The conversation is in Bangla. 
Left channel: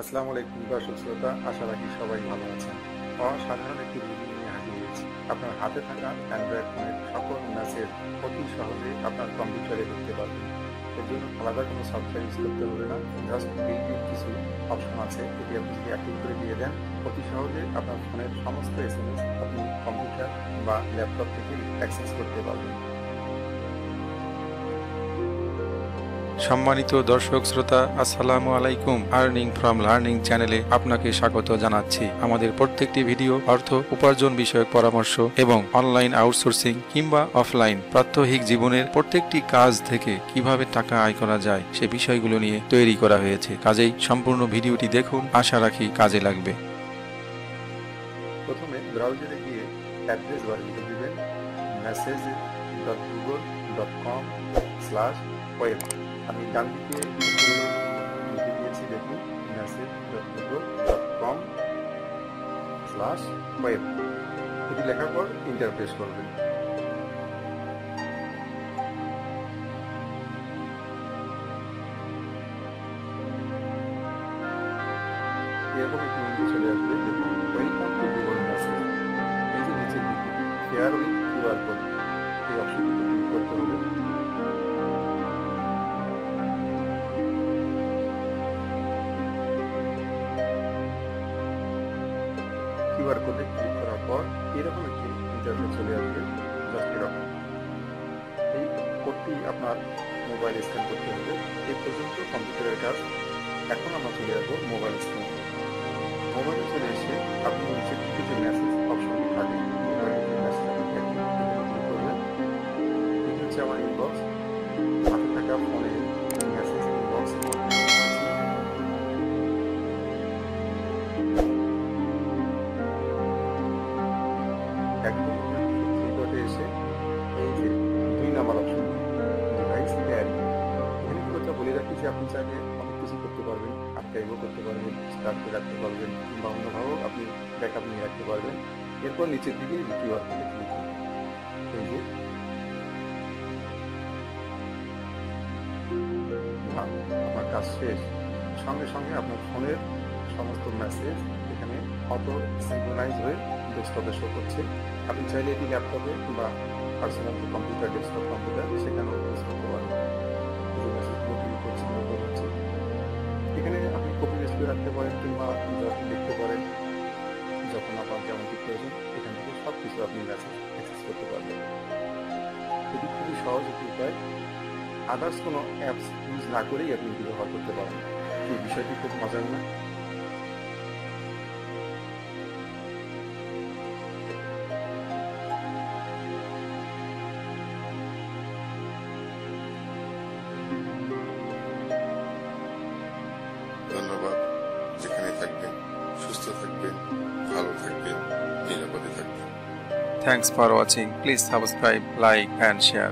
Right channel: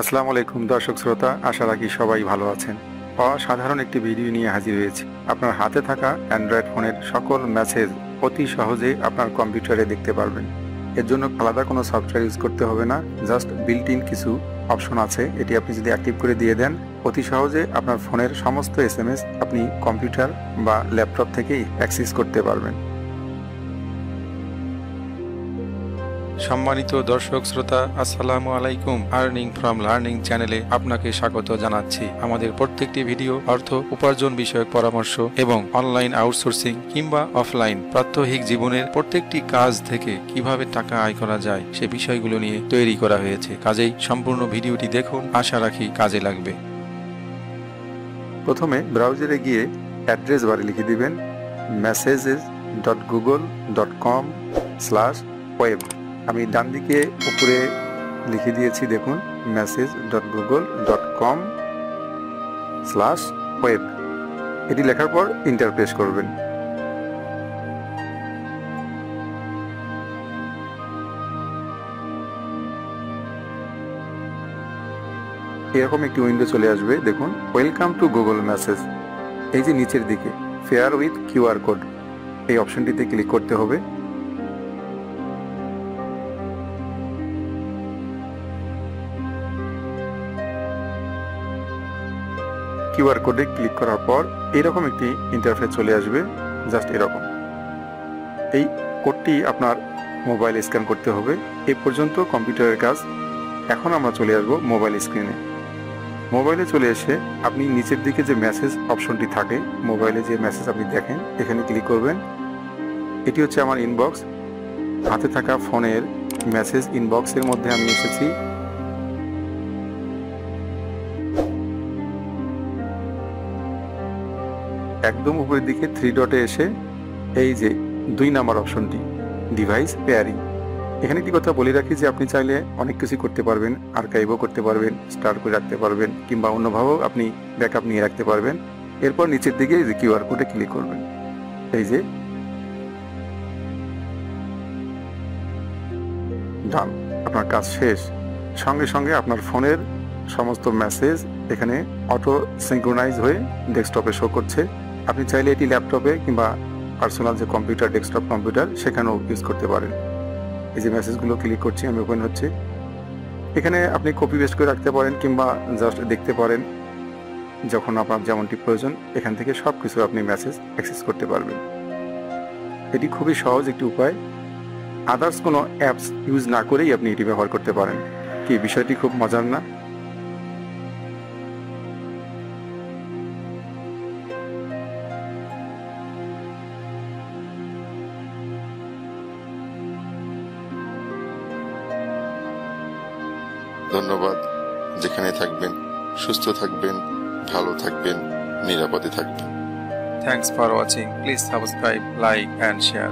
আসসালামু আলাইকুম দর্শক শ্রোতা, আশা রাখি সবাই ভালো আছেন। অসাধারণ একটি ভিডিও নিয়ে হাজির হয়েছি। আপনার হাতে থাকা অ্যান্ড্রয়েড ফোনের সকল মেসেজ অতি সহজে আপনার কম্পিউটারে দেখতে পারবেন। এর জন্য আলাদা কোনো সফটওয়্যার ইউজ করতে হবে না, জাস্ট বিল্ট ইন কিছু অপশন আছে, এটি আপনি যদি অ্যাক্টিভ করে দিয়ে দেন অতি সহজে আপনার ফোনের সমস্ত এসএমএস আপনি কম্পিউটার বা ল্যাপটপ থেকেই অ্যাক্সেস করতে পারবেন। সম্মানিত দর্শক শ্রোতা, আসসালামু আলাইকুম। আর্নিং ফ্রম লার্নিং চ্যানেলে আপনাকে স্বাগত জানাচ্ছি। আমাদের প্রত্যেকটি ভিডিও অর্থ উপার্জন বিষয়ক পরামর্শ এবং অনলাইন আউটসোর্সিং কিংবা অফলাইন প্রাত্যহিক জীবনের প্রত্যেকটি কাজ থেকে কিভাবে টাকা আয় করা যায় সে বিষয়গুলো নিয়ে তৈরি করা হয়েছে। কাজেই সম্পূর্ণ ভিডিওটি দেখুন, আশা রাখি কাজে লাগবে। প্রথমে ব্রাউজারে গিয়ে অ্যাড্রেস বারে লিখে দিবেন messages.google.com/web। আমি ডান দিকে উপরে লিখে দিয়েছি, দেখুন messages.google.com/web। এটি লেখার পর এন্টার প্রেস করবেন। এরকম একটি উইন্ডো চলে আসবে, দেখুন ওয়েলকাম টু গুগল মেসেজ। এই যে নিচের দিকে ফেয়ার উইথ কিউআর কোড, এই অপশনটিতে ক্লিক করতে হবে। কিউআর কোডে ক্লিক করার পর এরকম একটি ইন্টারফেস চলে আসবে, জাস্ট এরকম। এই কোডটি আপনার মোবাইলে স্ক্যান করতে হবে। এই পর্যন্ত কম্পিউটারের কাজ। এখন আমরা চলে আসবো মোবাইল স্ক্রিনে। মোবাইলে চলে এসে আপনি নিচের দিকে যে মেসেজ অপশনটি থাকে, মোবাইলে যে মেসেজ আপনি দেখেন এখানে ক্লিক করবেন। এটি হচ্ছে আমার ইনবক্স। হাতে থাকা ফোনের মেসেজ ইনবক্সের মধ্যে আমি এসেছি। একদম উপরের দিকে 3 ডটে এসে এই যে 2 নাম্বার অপশনটি ডিভাইস পেয়ারিং, এখানে কি কথা বলে রাখি যে আপনি চাইলে অনেক কিছু করতে পারবেন, আর্কাইভও করতে পারবেন, স্টার করে রাখতে পারবেন, কিংবা অন্যভাবেও আপনি ব্যাকআপ নিয়ে রাখতে পারবেন। এরপর নিচের দিকে যে কিউআর কোডে ক্লিক করবেন। এই যে ডান, আপনার কাজ শেষ। সঙ্গে সঙ্গে আপনার ফোনের সমস্ত মেসেজ এখানে অটো সিঙ্ক্রোনাইজ হয়ে ডেস্কটপে শো করছে। আপনি চাইলে এটি ল্যাপটপে কিংবা পার্সোনাল যে কম্পিউটার, ডেস্কটপ কম্পিউটার, সেখানেও ইউজ করতে পারেন। এই যে মেসেজগুলো ক্লিক করছি আমি, ওপেন হচ্ছে। এখানে আপনি কপি পেস্ট করে রাখতে পারেন কিংবা জাস্ট দেখতে পারেন যখন আপনার যেমনটি প্রয়োজন। এখান থেকে সব কিছু আপনি মেসেজ অ্যাক্সেস করতে পারবেন। এটি খুবই সহজ একটি উপায়। আদার্স কোনো অ্যাপস ইউজ না করেই আপনি এটি ব্যবহার করতে পারেন। কি বিষয়টি খুব মজার না? ধন্যবাদ। যেখানে থাকবেন সুস্থ থাকবেন, ভালো থাকবেন, নিরাপদে থাকবেন। Thanks for watching. Please subscribe, like and share.